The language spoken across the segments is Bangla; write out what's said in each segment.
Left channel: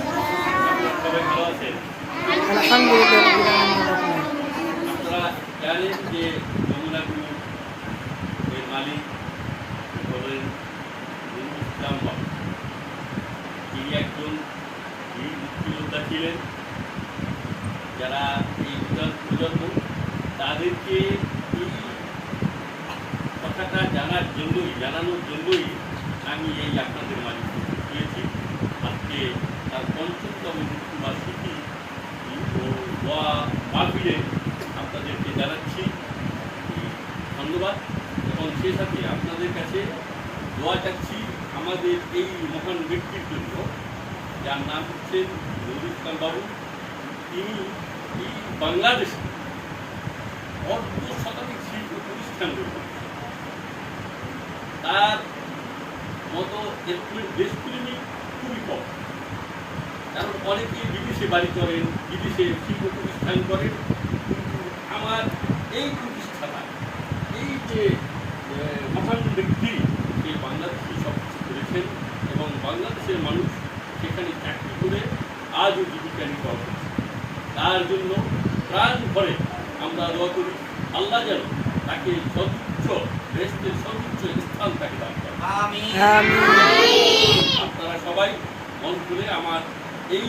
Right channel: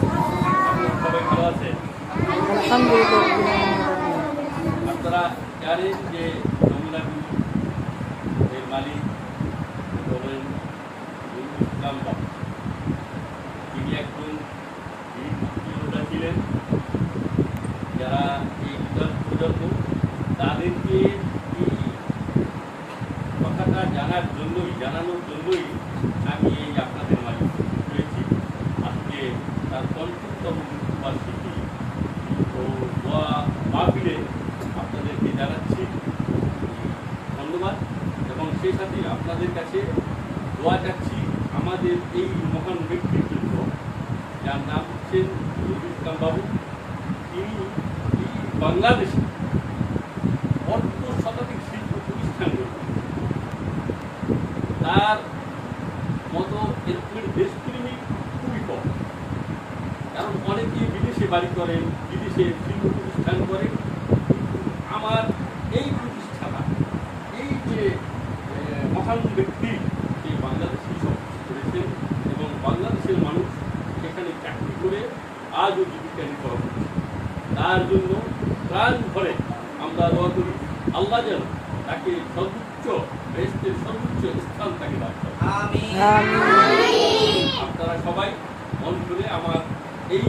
আপনারা সবাই ভালো আছেন? আলহামদুলিল্লাহ। আপনারা জানেন যে যমুনা গ্রুপ এর মালিক হলেন নুরুল ইসলাম বাবু। তিনি একজন বীর মুক্তিযোদ্ধা ছিলেন। যারা এই প্রজন্ম তাদেরকে এই কথাটা জানানোর জন্যই আমি এই আপনাদের মাঝে তুলেছি। আজকে তার ৫০তম মৃত্যুবার্ষিকী মাহফিলে আপনাদেরকে জানাচ্ছি ধন্যবাদ, এবং সেই সাথে আপনাদের কাছে দোয়া চাচ্ছি আমাদের এই মহান ব্যক্তির জন্য, যার নাম হচ্ছেন নুরুল ইসলাম বাবু। তিনি এই বাংলাদেশে অর্ধশতাধিক শিল্প প্রতিষ্ঠান গড়ে তার মতো এরকমের দেশপ্রেমী খুবই কম। কারণ অনেকেই বিদেশে বাড়ি করেন, বিদেশে শিল্প প্রতিষ্ঠান করেন, কিন্তু আমার এই প্রতিষ্ঠাতা, এই যে মহান ব্যক্তি, সেই বাংলাদেশে সব কিছু করেছেন এবং বাংলাদেশের মানুষ সেখানে চাকরি করে আজও জীবিকা নির্বাহ করছে। তার জন্য প্রাণ ভরে আমরা দোয়া করি, আল্লাহ যেন তাকে সর্বোচ্চ বেহেশতের সর্বোচ্চ স্থান তাকে দান করেন। আপনারা সবাই মন খুলে আমার এই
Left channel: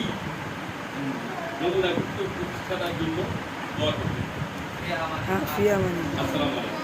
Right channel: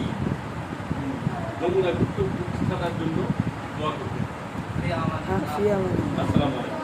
যমুনা গ্রুপ প্রতিষ্ঠাতার জন্য দোয়া করবেন। আসসালামু আলাইকুম।